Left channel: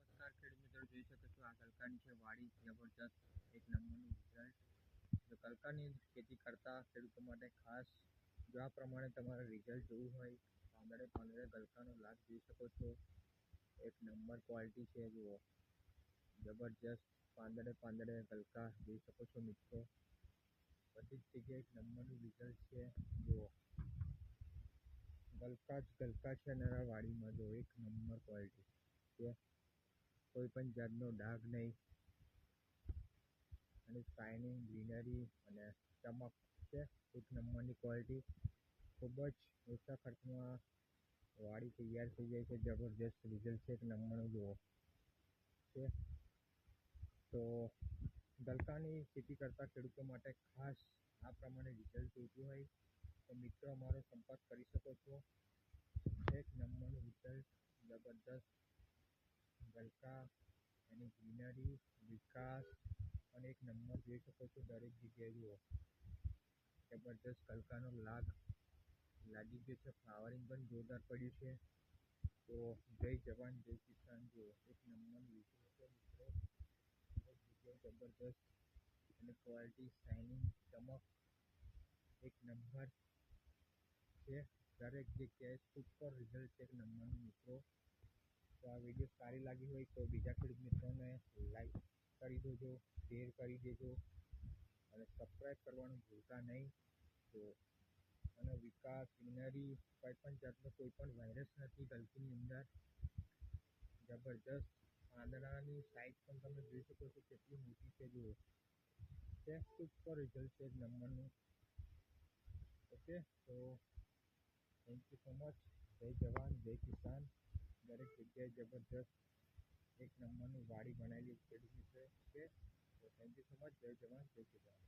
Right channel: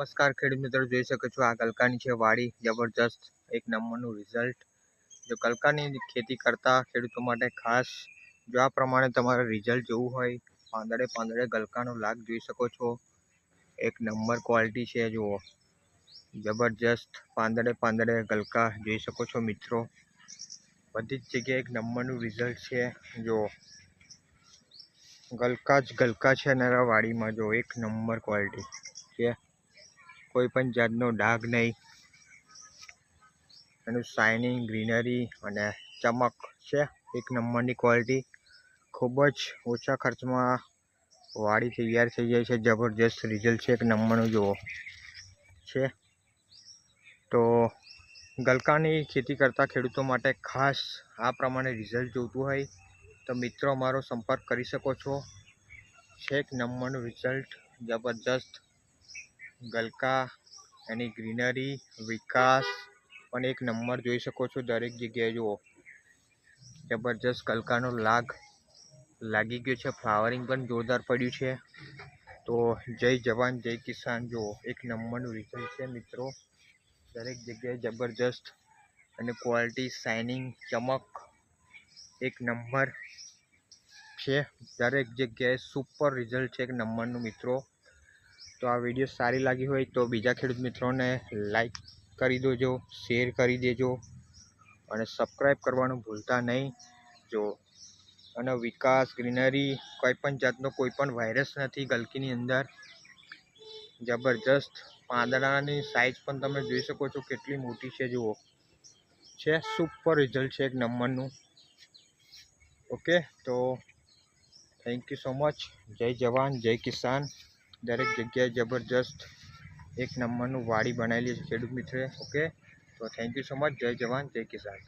નમસ્કાર ખેડૂત મિત્રો જોઈ શકો છો. આ ગલકાની છે વાડી, જબરજસ્ત એક નંબરનું રિઝલ્ટ જો ગલકાની ખેતી કરતા ખેડૂતો માટે ખાસ જો આ પ્રમાણે તમારે રિઝલ્ટ જોવું હોય, પાંદડે પાંદડે ગલકાનો લાગ જોઈ શકો છો. એક નંબર ક્વોલિટી છે, જુઓ. જબરજસ્ત પાંદડે પાંદડે ગલકા જોઈ શકો છો મિત્રો. બધી જ જગ્યાએ એક નંબરનું રિઝલ્ટ છે જો ગલકા જ ગલકા છે નરા વાડીમાં જો એક નંબર ક્વોલિટી છે. કોઈ પણ જાતનો ડાઘ નહીં. એનું શાઇનિંગ ગ્રીનરી અને ચમક છે. એક નંબરની ક્વોલિટી ખૂબ જ ઓછા ખર્ચમાં વાડી તૈયાર થઈ જાય છે. જબરજસ્ત રિઝલ્ટ છે એક નંબરનું, જુઓ. છે. તો ગલકાની ખેતી કરતા ખેડૂતો માટે ખાસ આ પ્રમાણે રિઝલ્ટ જોઈતું હોય તો મિત્રો અમારો સંપર્ક કરી શકો છો. છેક નંબરનું રિઝલ્ટ જબરજસ્ત ગલકા, એની ગ્રીનરી, વિકાસ, પણ એક નંબર જોઈ શકો છો દરેક જગ્યાએ જુઓ. જબરજસ્ત ગલકાનો લાગ લાગી ગયો છે. ફ્લાવરિંગ પણ જોરદાર પડ્યું છે. તો જય જવાન, જય કિસાન. જુઓ, એક નંબરનું રિઝલ્ટ છે મિત્રો. દરેક જગ્યાએ જબરજસ્ત અને ક્વોલિટી શાઇનિંગ ચમક એક નંબર છે. દરેક જગ્યાએ સુપર રિઝલ્ટ છે એક નંબરનું મિત્રો. તો આ વીડિયો સારી લાગી હોય તો બીજા ખેડૂત મિત્રોને લાઈક કરી દેજો શેર કરી દેજો અને સબસ્ક્રાઈબ કરવાનું ભૂલતા નહીં. જો અને વિકાસ ગ્રીનરી કોઈ પણ જાતનો કોઈ પણ વાયરસ નથી ગલકીની અંદર. જબરજસ્ત પાંદડાની સાઇઝ પણ તમે જોઈ શકો છો કેટલી મોટી છે, જુઓ. છે સુપર રિઝલ્ટ છે એક નંબરનું. ઓકે, તો થેન્ક યુ સો મચ જય જવાન, જય કિસાન. દરેક જગ્યાએ જબરજસ્ત એક નંબરનું વાડી બનાવેલી છે ખેડૂત મિત્રે ઓકે તો થેન્ક યુ સો મચ જય જવાન, જય કિસાન.